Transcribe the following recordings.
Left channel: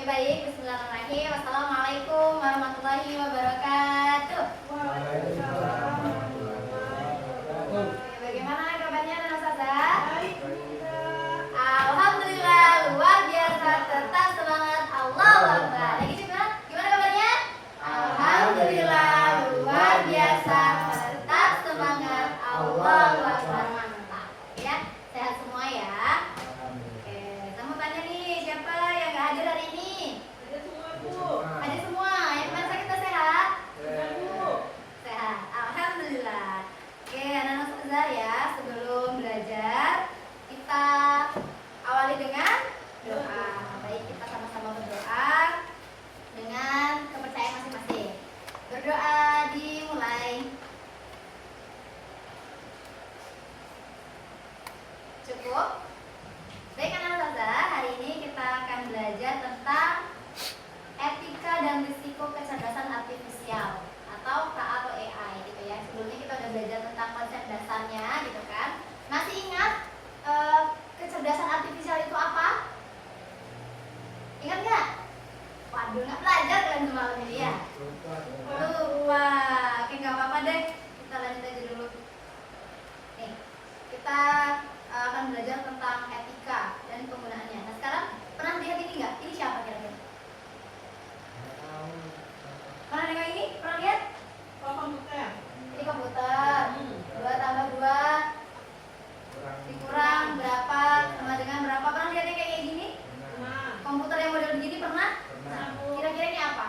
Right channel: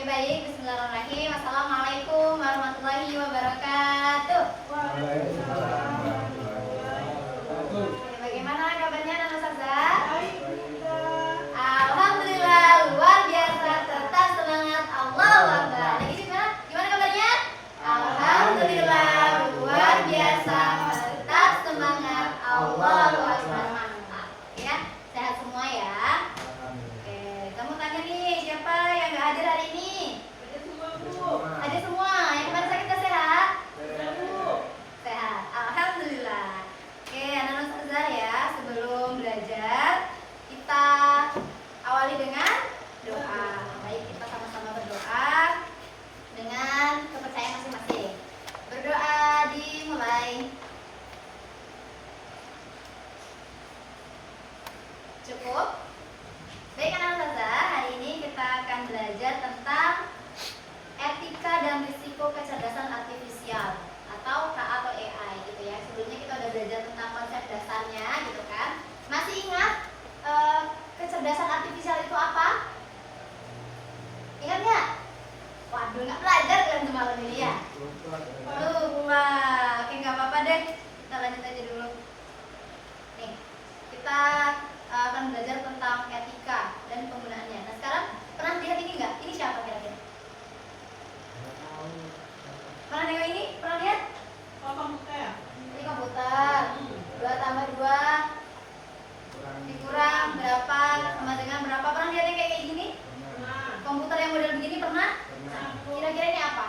Oke baik, bismillahirrahmanirrahim. Assalamualaikum warahmatullahi wabarakatuh. Waalaikumsalam warahmatullahi wabarakatuh. Bagaimana kabarnya anak ustazah? Baik. Alhamdulillah luar biasa, tetap semangat, Allahu Akbar. Lagi gimana? Gimana kabarnya? Alhamdulillah luar biasa, tetap semangat, Allahu Akbar. Mantap. Ya, sehat semua ya. Oke, kamu tanya nih, siapa yang nggak hadir hari ini? Ada semua. Yang kemarin sakit tak sehat? Sehat. Alhamdulillah. Oke, anak-anak ustazah ya, sebelum belajar kita awali dengan doa. Baik, kita sama-sama berdoa dengan kepercayaan masing-masing. Berdoa dimulai. Cukup? Baik anak ustazah, hari ini kita akan belajar tentang etika dan risiko kecerdasan artifisial atau K atau AI gitu ya. Sebelumnya kita udah belajar tentang konsep dasarnya gitu kan. Masih ingat kecerdasan artifisial itu apa? Ingat nggak? Waduh, nggak belajar kalian semalam ini ya? Lupa. Oke, nggak apa-apa deh. Kita lanjut aja dulu. Nih, kita akan belajar tentang etika dan penggunaannya. Nah sekarang pernah lihat ini nggak? Ini siapa kira-kira? Pernah nengok ini? Pernah lihat? Ini komputer. 2 tambah 2 dikurang berapa sama dengan berapa? Pernah lihat yang kayak gini? Komputer yang model begini pernah? Kira-kira ini apa?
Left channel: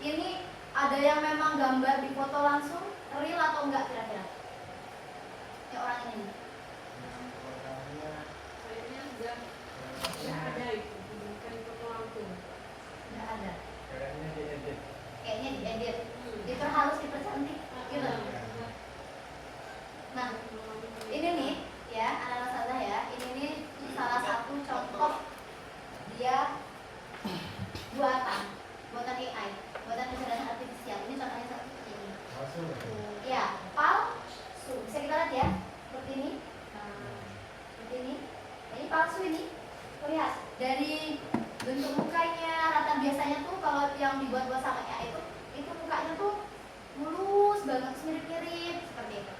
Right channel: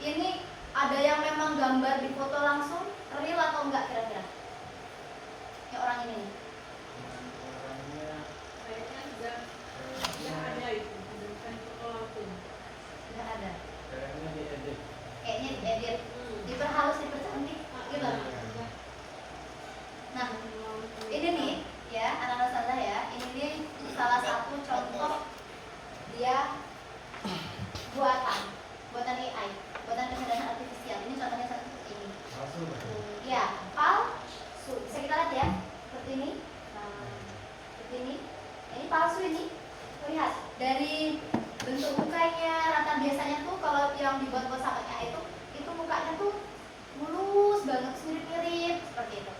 Ini ada yang memang gambar di foto langsung, real atau enggak kira-kira? Ya orang ini nih. Enggak ada. Kayaknya diedit, diperhalus, dipercantik gitu. Nah, ini nih ya anak-anak ustazah ya, ini nih salah satu contoh dia buatan AI, buatan kecerdasan artifisial. Ini contohnya seperti ini. Ya, palsu. Bisa kita lihat ya, seperti ini. Seperti ini. Ini palsu ini. Lihat dari bentuk mukanya, rata biasanya tuh kalau yang dibuat sama AI itu mukanya tuh mulus banget, mirip-mirip seperti itu.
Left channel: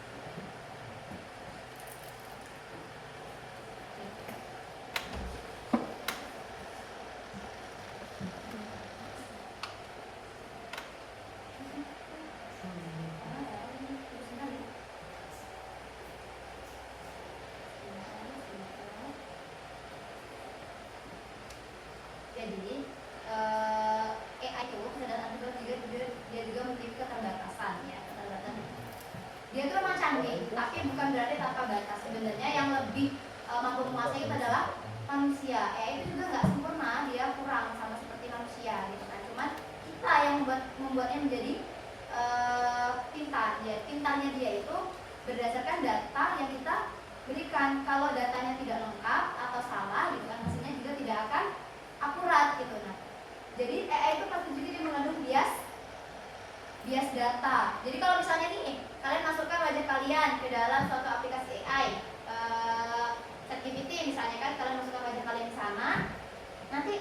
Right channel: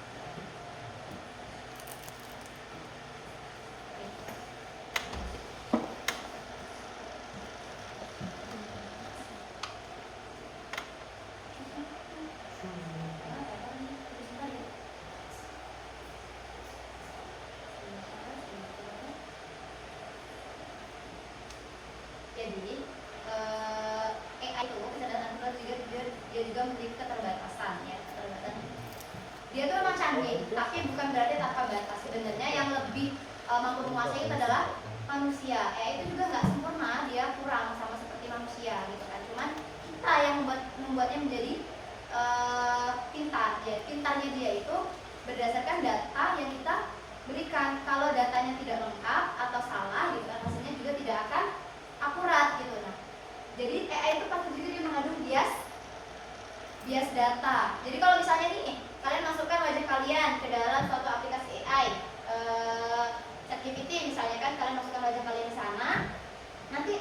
Jadi AI itu kecerdasan artifisial dia juga memiliki keterbatasan ya, keterbatasan. Dia tuh memang canggih, tapi bukan berarti tanpa batas. Sebenarnya yang lebih mampu menguasai itu adalah manusia. AI itu juga nggak sempurna, dia kurang sama seperti manusia gitu kan. Cuman kita yang membuatnya menjadi pintar. Pintarnya dia itu berdasarkan data yang kita berikan. Kalau datanya tidak lengkap atau salah gitu kan, hasilnya juga tidak akan akurat gitu. Nah, jadi AI itu pasti juga dia mengandung bias data. Jadi kalau misalnya nih kalian masukkan wajah kalian ke dalam suatu aplikasi AI, ChatGPT misalnya kan, kalian masukkan wajah kalian di sana, nanti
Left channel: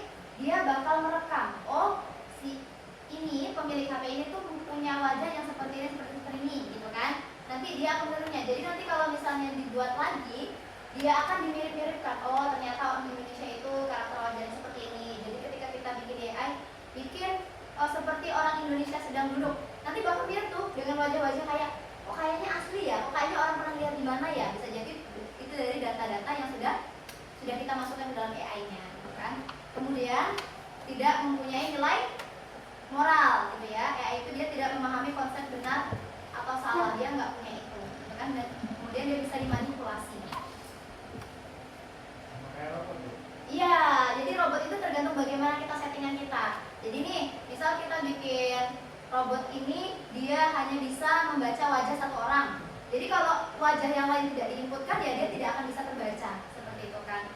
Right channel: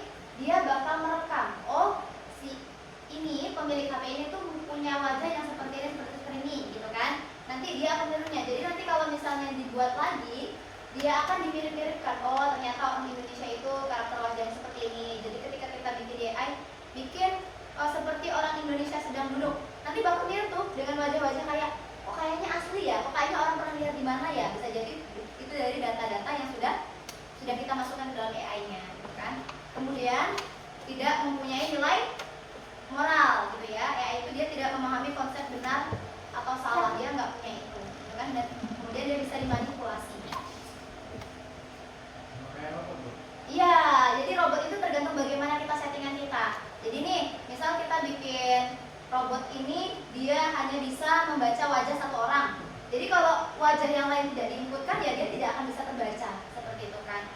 dia bakal merekam. Oh, si ini pemilik HP ini tuh punya wajah yang seperti ini gitu kan. Nanti dia akan menirunya. Jadi nanti kalau misalnya dibuat lagi, dia akan dimirip-miripkan. Oh, ternyata orang Indonesia itu karakter wajahnya seperti ini. Jadi ketika kita bikin AI, bikin seperti orang Indonesia sedang duduk, nanti bakal lihat tuh dengan wajah-wajah kayak, oh kayaknya asli ya, oh kayaknya orang pernah lihat di mana ya. Bisa jadi itu dari data-data yang sudah kita masukkan ke dalam AI-nya, gitu kan. Kemudian tidak mempunyai nilai moral, gitu ya. AI itu dia tidak memahami konsep benar atau salah, dia nggak punya itu, gitu kan. Dan kemudian dia bisa dimanipulasi. Iya, jadi robot itu tergantung bagaimana kita settingan kita. Jadi nih, misal kita bikin robot ini, dia hanya bisa membaca wajah satu orang. Jadi kalau wajah yang lain tidak diinputkan, ya dia tidak akan bisa terbaca, seperti itu kan.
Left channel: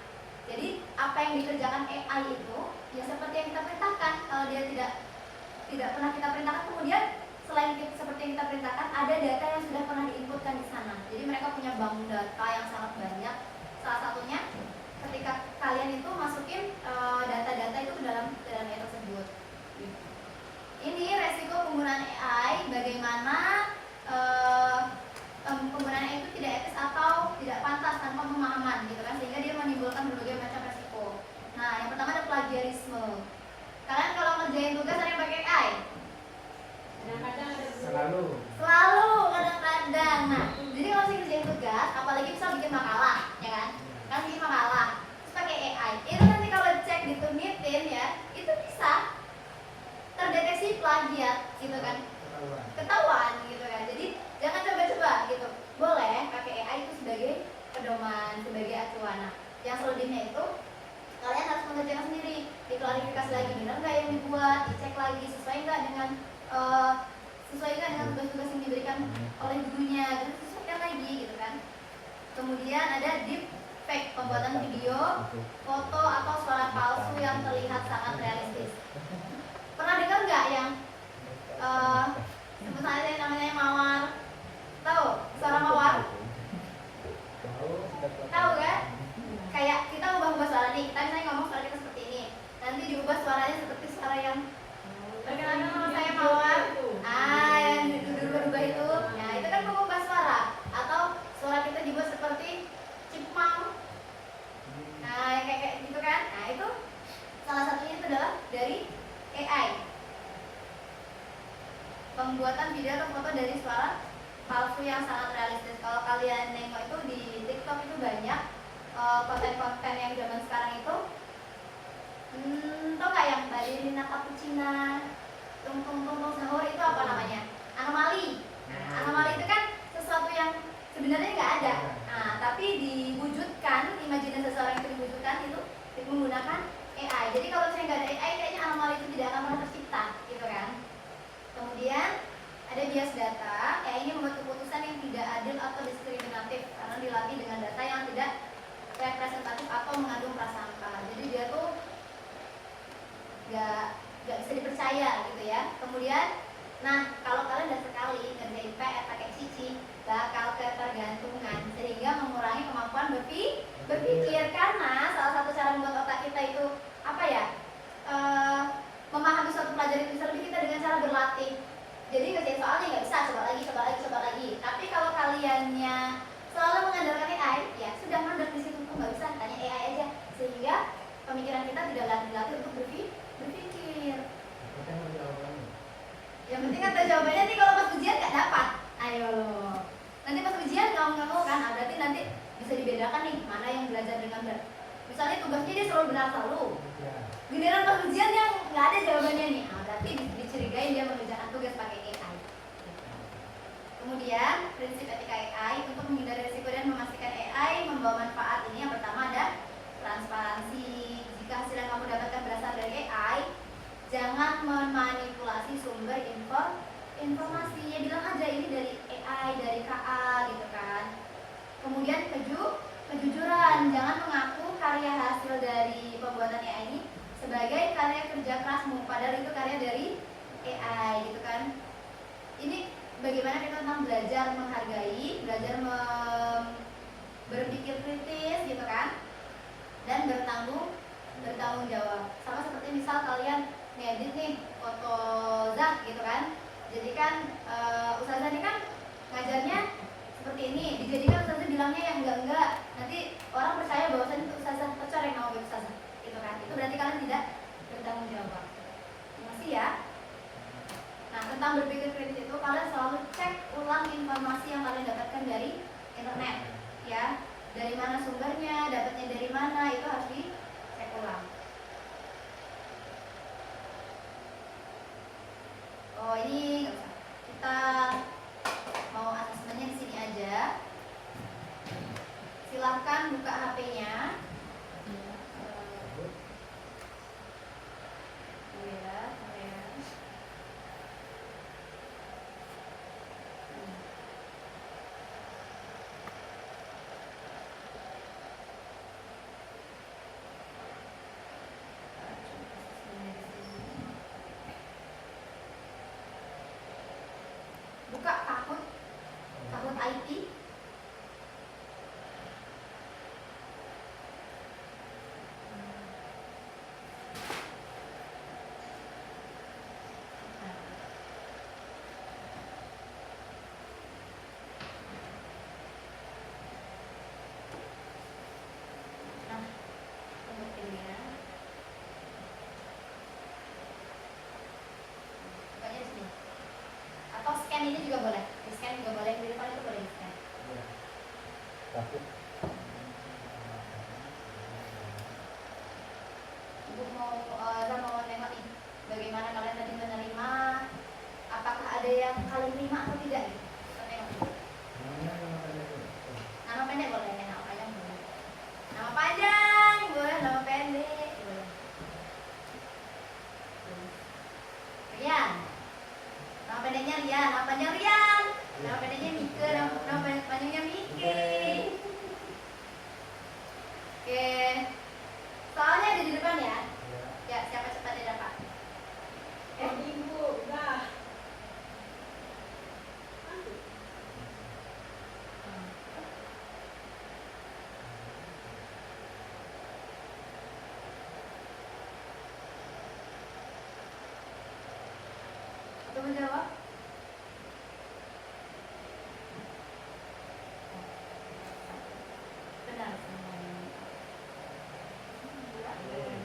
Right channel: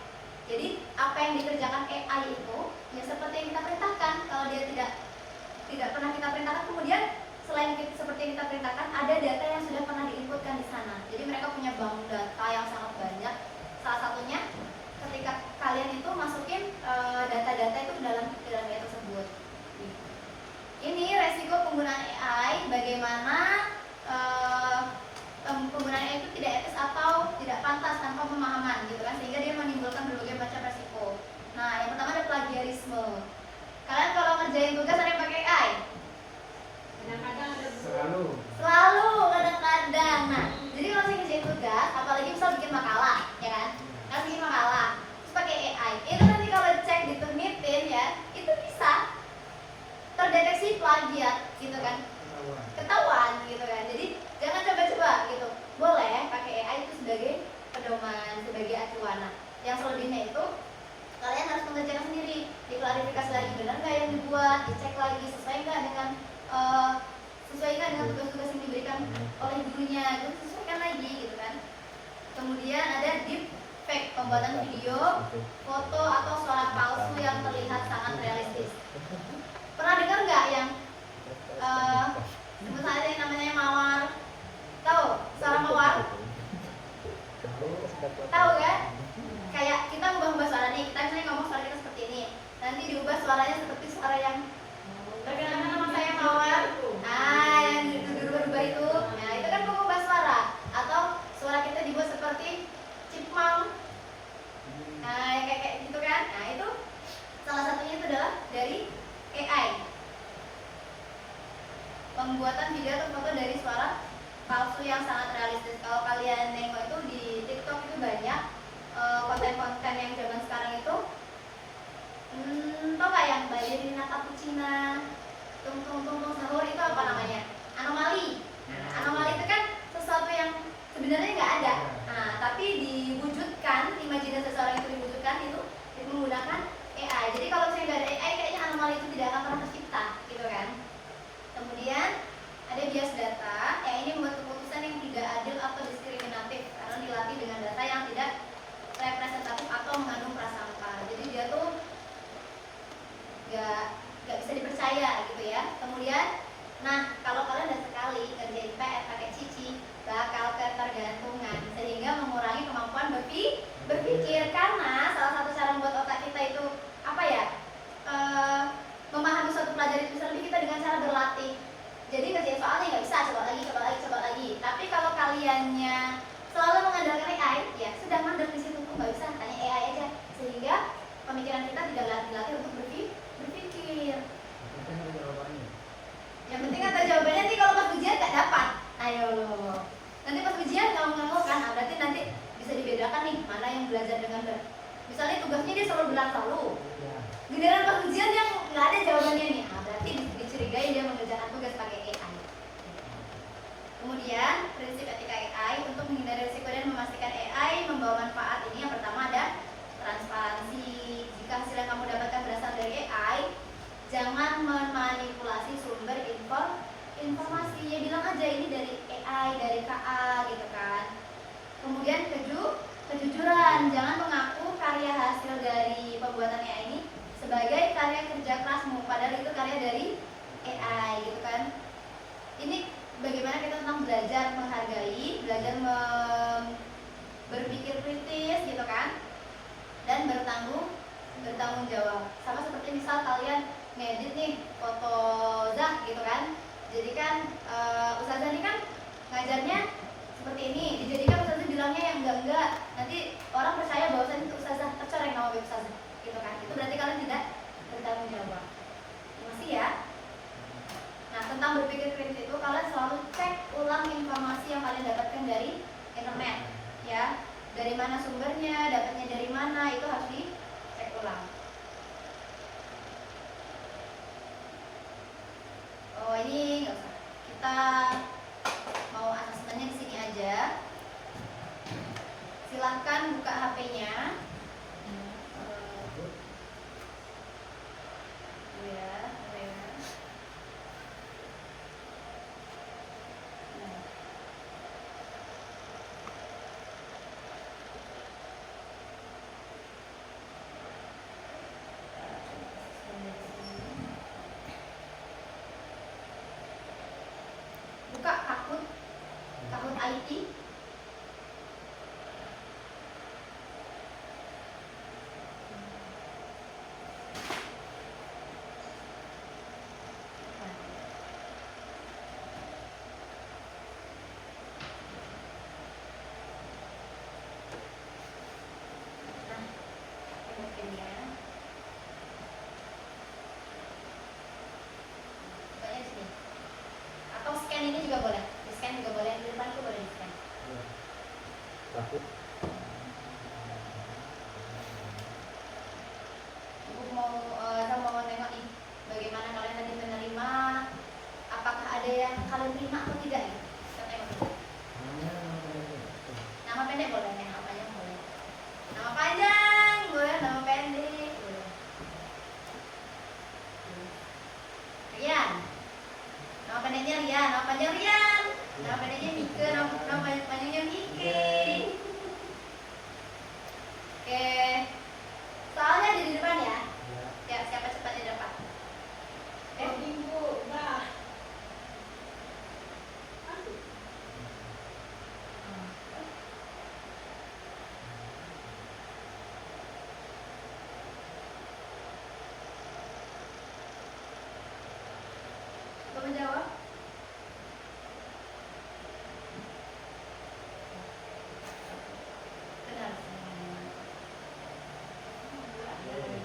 Jadi apa yang dikerjakan AI itu, ya seperti yang kita perintahkan. Kalau dia tidak pernah kita perintahkan, kemudian selain seperti yang kita perintahkan, ada data yang sudah pernah diinputkan di sana. Jadi mereka punya bank data yang sangat banyak. Salah satunya ketika kalian itu masukin data-data itu ke dalam itu perfeksionisme. Kalian kalau ngerjain tugas ada yang pakai AI? Kadang-kadang ada Selalu. Selalu, kadang-kadang. Nah, jadi kalau saya ngerjain tugas, apalagi misal bikin makalah, ya kan? Kan bikin makalah, terus pakai AI. Itu nanti kalau cek ditunitin ya, itu bisa terdeteksi plagiat, gitu kan? Ketahuan, gitu kan? Jadi jangan coba-coba, gitu. Boleh pakai AI itu sebagai pedoman, sebagai acuan. Nah, yang selebihnya itu kalian harus mengerjakan sendiri, diklarifikasi lagi, benar nggak yang dibuat, dicek lagi sesuai nggak dengan tugas-tugas yang diberikan oleh gurunya, itu sesuaikan lagi, gitu kan. Kemudian ada deepfake, pembuatan video, foto atau suara palsu yang terlihat sangat realistis. Pernah dengar nggak yang sebut saja yang namanya mawar? Tahu suara mawar? Tahu kan? Kayak kita ubah-ubah suara nih, kita misalnya ngomong suara kita seperti ini, nanti diubah suaranya seperti suara yang perkenalkan nama saya mawar. Yang dirubah-ubah itu, nah itu kan mengubah suara. Atau suara kita dibuat seperti chipmunk, nah yang kayak gitu kan. Nah itu salah satunya itu adalah dari AI, pembuatan video atau foto dari suara palsu yang sangat realistis. Kalau kalian nengok itu di TikTok itu banyak konten-konten yang zaman sekarang itu, tau nggak yang ballerina cappuccina, tung sahur, itu apa namanya? Anomali. Nah, anomali itu kan sesuatu yang sebenarnya nggak ada. Nah, tapi diwujudkan, imajinasi seseorang itu diwujudkan itu menggunakan AI. Jadi kalau misalnya nggak ada AI, kayaknya anomali itu tidak akan pernah tercipta, gitu kan? Kemudian ada bias data. AI ini membuat keputusan yang tidak adil atau diskriminatif karena dilatih dengan data yang tidak representatif atau mengandung prasangka. Jadi dia tuh nggak bisa dipercaya, gitu ya. Kemudian, nah kalau kalian udah sekali ngerjain PR pakai Cici, bakal ketergantungan sehingga mengurangi kemampuan berpikir, karena salah satu cara membuat otak kita itu apa ya, memahami suatu pelajaran itu lebih kita dengan cara berlatih. Jadi ngerjain soalnya nggak bisa, coba lagi. Tapi kalau kaliannya selalu mengandalkan AI, ya sudah mandek di situ tuh, nggak bisa, tanya AI aja, sehingga pemikiran kita tidak dilatih untuk berpikir. Yang penting kan jawabannya. Nanti kalau pas ujian nggak dapat, ayo nanti pas ujian nggak kan, berarti nanti bisa dibedakan nih mana yang belajar dengan benar. Misalnya tugasnya dia selalu benar selalu, giliran pas ujian yang nggak ada jawabannya nih, berarti dicurigai dia mengerjakan tugas pakai AI. Kemudian prinsip etika AI untuk menghindari risiko dan memastikan AI membawa manfaat ini, yang pertama ada transparansi. Jika hasil yang kamu dapatkan berasal dari AI, jangan memanipulasi sumber informasi. Ya bilang aja ini dari AI, dari KA, gitu kan. Kemudian kejujuran, jangan mengaku karya hasil dari pembuatan AI ini sebagai karya kerja kerasmu, padahal itu karya dari AI, gitu kan. Ini bagaimana kita tentang belajar menghargai, belajar berpikir kritis, gitu kan, dan bertanggung jawab. Sama seperti misal kalian ngedit nih foto Zak, gitu kan. Jadi kan Ustazah ini kan ngajarnya seperti ini, dijadikan Ustazah bilangnya yang enggak, nanti orang percaya bahwa itu Ustazah tercoreng nama web Ustazah, gitu kan. Itu berarti kalian tidak bertanggung jawab. Masih ya. Nah, tentang berpikir kritis itu kalian selalu cek ulang informasi yang kalian dapatkan dari internet, ya. Dari mana sumbernya, dapatnya dari mana, itu harus dicek ulang. Oh, ini nggak usah. Kita mau asesmennya di sini aja. Silahkan buka HP-nya. kalian terima atau tidak gitu. Kita tengok dulu. Nama pendek boleh, nama panjang boleh. Nama panjang boleh, nama pendek boleh. Rian. Nama pendeknya Rian, nama panjang Rian. Nama pendeknya Mike, nama panjangnya Mike. Oke. Soalnya ada di depan ya. Ya, siapa cepat dia dapat. Minggu, udah. Belum jawab? Benar.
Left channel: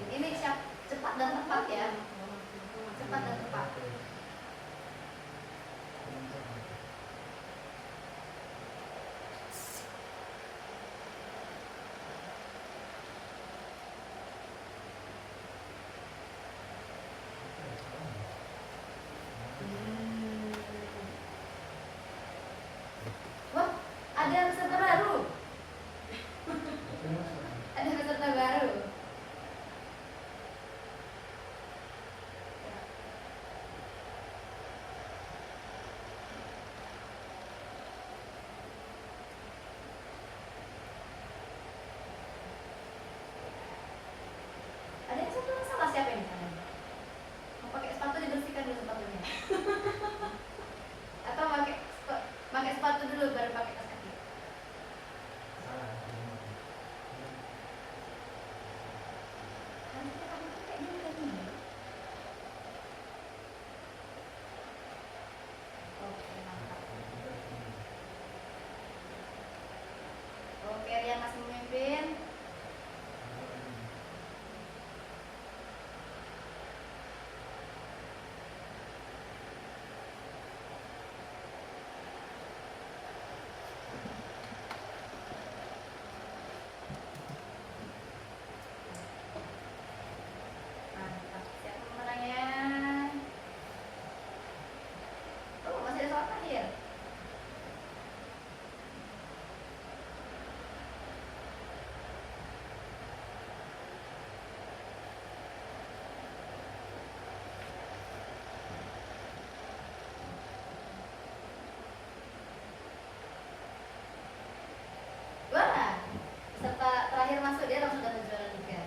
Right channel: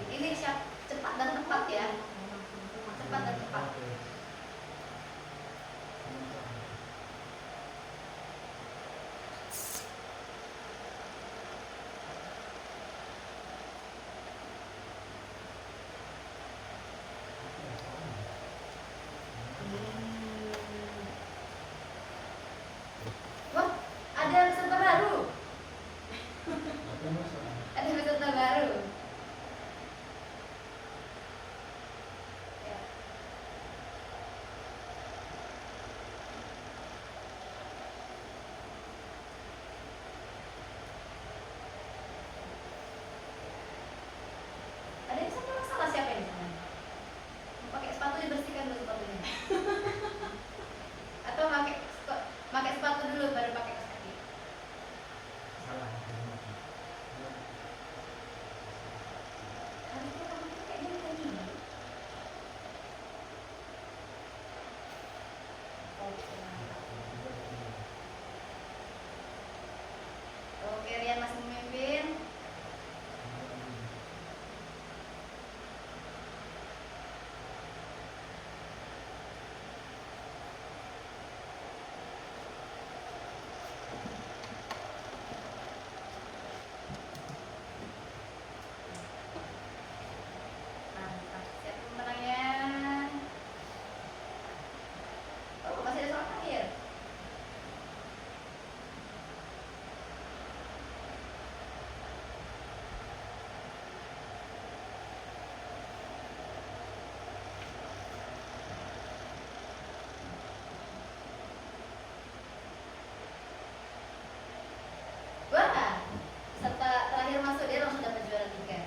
Ini siap cepat dan tepat ya. Cepat dan tepat. Wah, ada peserta baru. Ada peserta baru. Ya. Ada yang satu masalah siapa yang di sana? Mau pakai sepatu dibersihkan dulu sepatunya. Atau pakai sepatu dulu baru pakai kaos kaki. Harusnya kamu tuh kayaknya bukan ini. Oke, mantap. Oke, Rian masih memimpin. Mantap. Siapa pemenangnya? Oh, masih ada soal terakhir. Wah, serta terakhir masuk dia langsung dapat juara juga.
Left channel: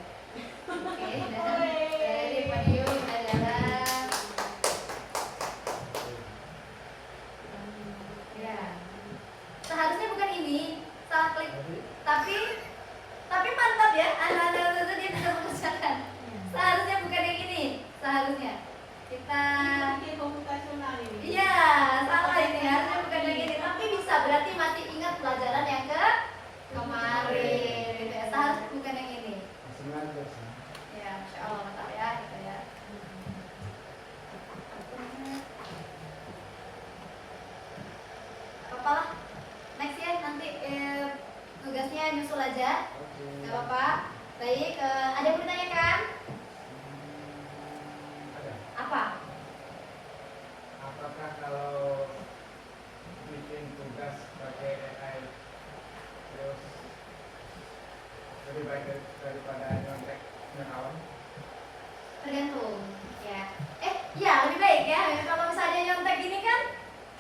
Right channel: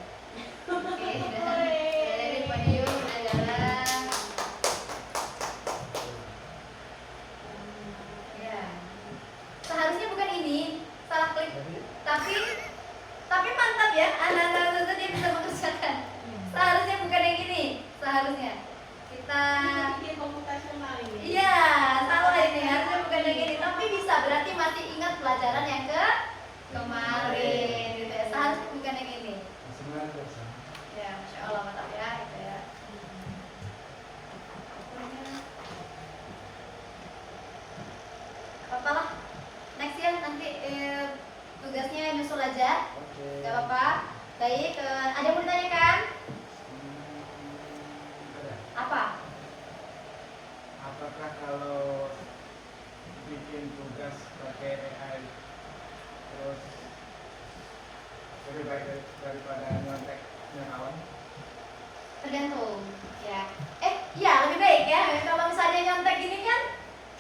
Oke, dari podium udah jalan. Ya, seharusnya bukan ini, salah klik. Tapi mantap ya, anak-anak dia bisa mengerjakan. Seharusnya bukan yang ini, seharusnya kita. Ini komputasional ini. Iya, salah ini, harusnya bukan yang ini. Tapi bisa, berarti masih ingat pelajaran yang kemarin gitu ya. Seharusnya bukan yang ini. Ya, Masya Allah mantap ya, gitu ya. Apa lah, next ya nanti tugasnya nyusul aja. Gak apa-apa. Baik, ada yang mau ditanyakan? Apa? Apakah kalau bikin tugas pakai AI terus lebih baik daripada nyontek kawan? Tergantung ya. Ya lebih baik ya. Kalau misalnya nyontek gini kan,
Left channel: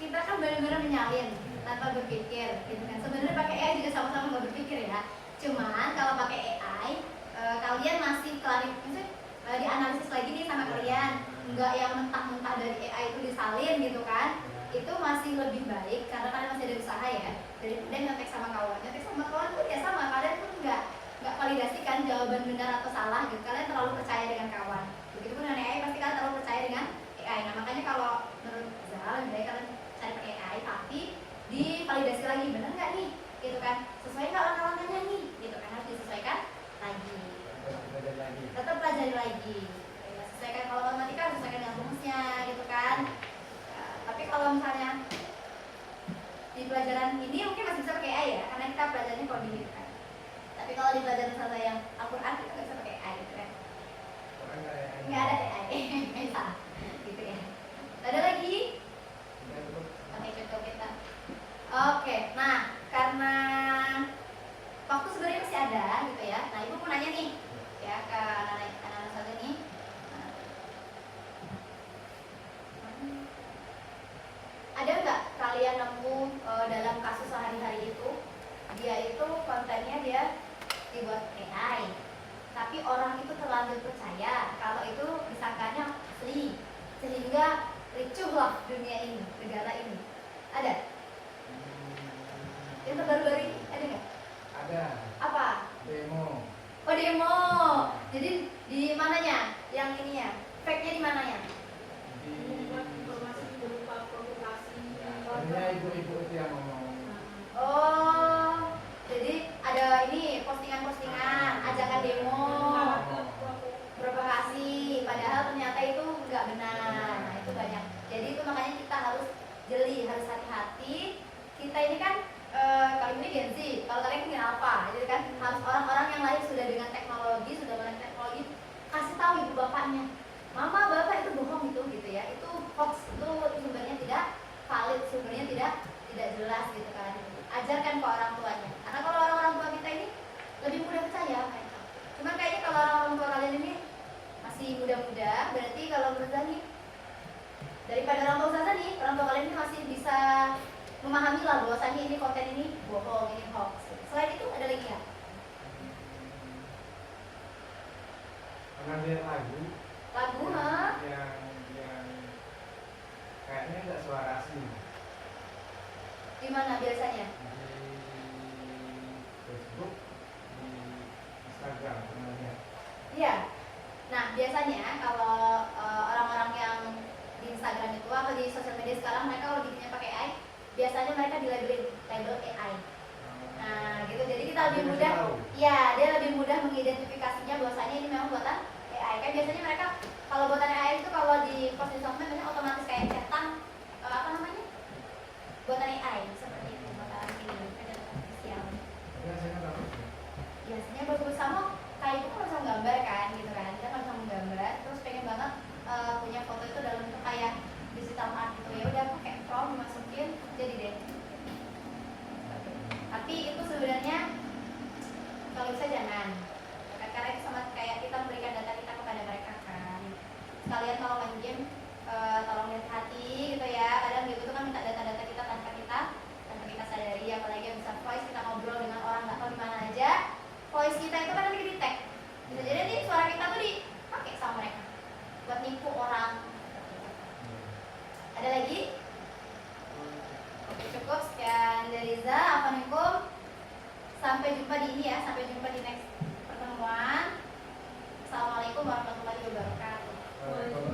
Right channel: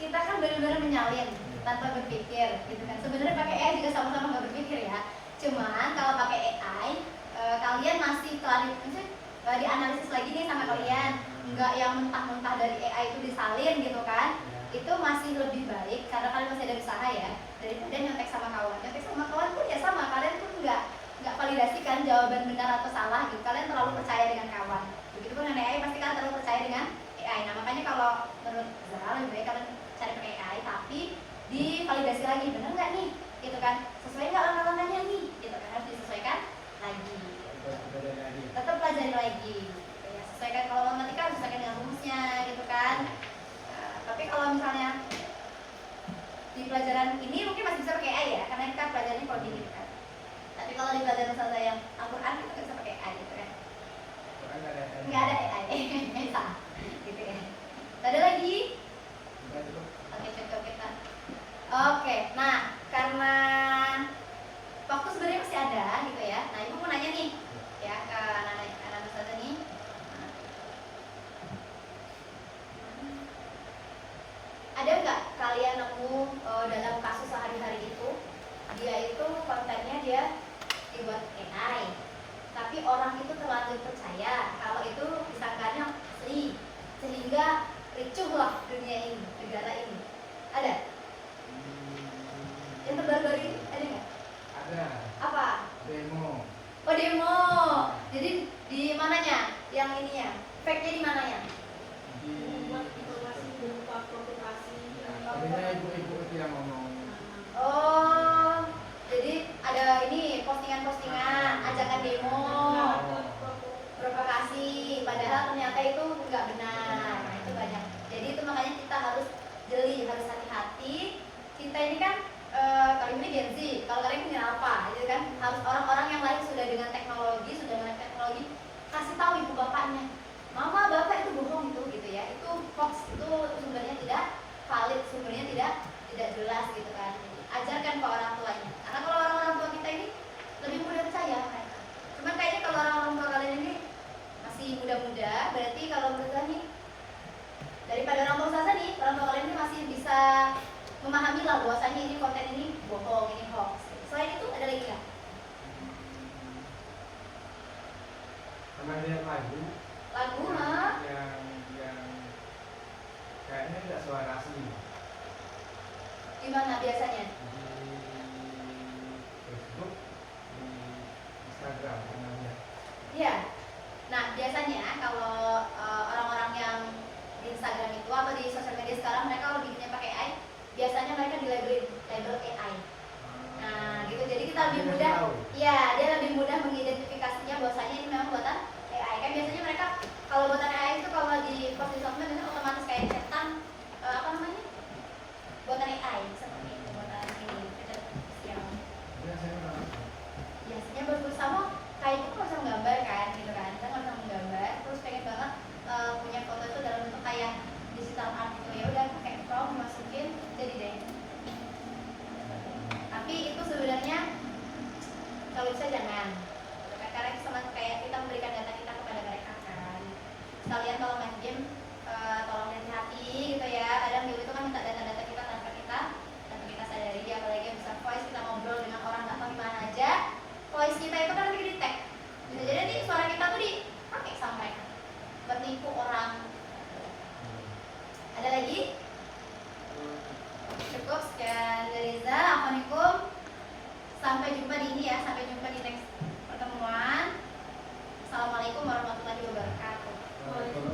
kita kan benar-benar menyalin tanpa berpikir, gitu kan. Sebenarnya pakai AI juga sama-sama nggak berpikir ya. Cuman kalau pakai AI, kalian masih dianalisis lagi nih sama kalian, nggak yang mentah-mentah dari AI itu disalin gitu kan. Itu masih lebih baik karena kalian masih ada usaha ya, daripada nyontek sama kawan. Nyontek sama kawan pun ya sama, kalian pun nggak validasikan jawaban benar atau salah gitu. Kalian terlalu percaya dengan kawan. Begitupun dengan AI, pasti kalian terlalu percaya dengan AI. Nah makanya kalau menurut Zahra lebih baik kalian cari pakai AI, tapi divalidasi lagi benar nggak nih, gitu kan? Sesuai nggak langkah-langkahnya nih, gitu kan? Harus disesuaikan lagi. Tetap pelajari lagi. Ya, sesuaikan kalau matematika harus sesuaikan dengan rumusnya, gitu kan? Tapi kalau misalnya di pelajaran ini mungkin masih bisa pakai AI ya, karena kita pelajarannya coding gitu kan. Tapi kalau di pelajaran saya yang Al-Quran kita nggak bisa pakai AI gitu kan. Nggak ada AI, bisa gitu kan. Ada lagi? tapi orang itu terlanjur percaya kalau itu disangkanya asli, sehingga ricuh lah dunia ini, negara ini. Ada? Yang terbaru-baru ini ada nggak? Ada Apa? demo. Oh, demo. Jadi di mananya? Yang ininya? Fake-nya di mananya? Di Membuat informasi berupa provokasi. akhirnya ibu-ibu itu yang ngomong. Oh, jadi ada ini postingan-postingan, ajakan demo, provokasi, padahal ternyata itu nggak benar. Nah, itu banyak. Jadi itu makanya kita harus jeli, harus hati-hati. Kita ini kan kalau ini Gen Z, kalau kalian punya apa, gitu kan? Harus orang-orang yang lahir sudah dengan teknologi, sudah dengan teknologi, kasih tahu ibu bapaknya, mama bapak itu bohong itu, gitu ya. Itu hoax, itu sumbernya tidak valid, sumbernya tidak jelas, gitu kan. Ajarkan ke orang tuanya, karena kalau orang tua kita ini lebih mudah percaya mereka. Cuman kayaknya kalau orang tua kalian ini masih muda-muda, berarti kalau menurut saya nih, daripada orang tua saya nih, orang tua kalian ini masih bisa memahami lah bahwasanya ini konten ini bohong, ini hoax. Selain itu ada lagi nggak? Pernah lihat lagu Lagu yang, mah? yang kayaknya nggak suara asli Gimana biasanya? di Facebook, di Instagram semuanya. Iya. Nah, biasanya kalau orang-orang yang di Instagram itu atau di sosial media sekarang mereka kalau bikinnya pakai AI, biasanya mereka label AI. Nah, gitu. Jadi kita lebih mudah, ya dia lebih mudah mengidentifikasinya bahwasanya ini memang buatan AI. Kan biasanya mereka kalau buatan AI itu kalau di post di sosmed biasanya otomatis kayak cetan apa namanya? Buatan AI seperti itu, buatan ini kecerdasan artifisial. Biasanya apa? Biasanya bagus sama kayak itu kalau bisa menggambar kan, gitu kan. Kita kalau bisa menggambar, terus pengen banget punya foto itu dalam bentuk kayak digital art gitu, ya udah pakai prompt dimasukin jadi deh. Tapi itu sebenarnya kalau bisa jangan, karena itu sama kayak kita memberikan data kita kepada mereka kan. Sekalian kalau main game tolong hati-hati gitu ya. Kadang game itu kan minta data-data kita tanpa kita sadari, apalagi yang bisa voice, kita ngobrol dengan orang nggak tahu di mana aja. Voice kita itu kan nanti di tag, bisa jadi nanti suara kita tuh dipakai sama mereka buat nipu orang. Ada lagi? Oke, cukup sekian dari Riza. Assalamualaikum. Sampai jumpa di ini ya, sampai jumpa di next pertemuan. Assalamualaikum warahmatullahi wabarakatuh. Kalau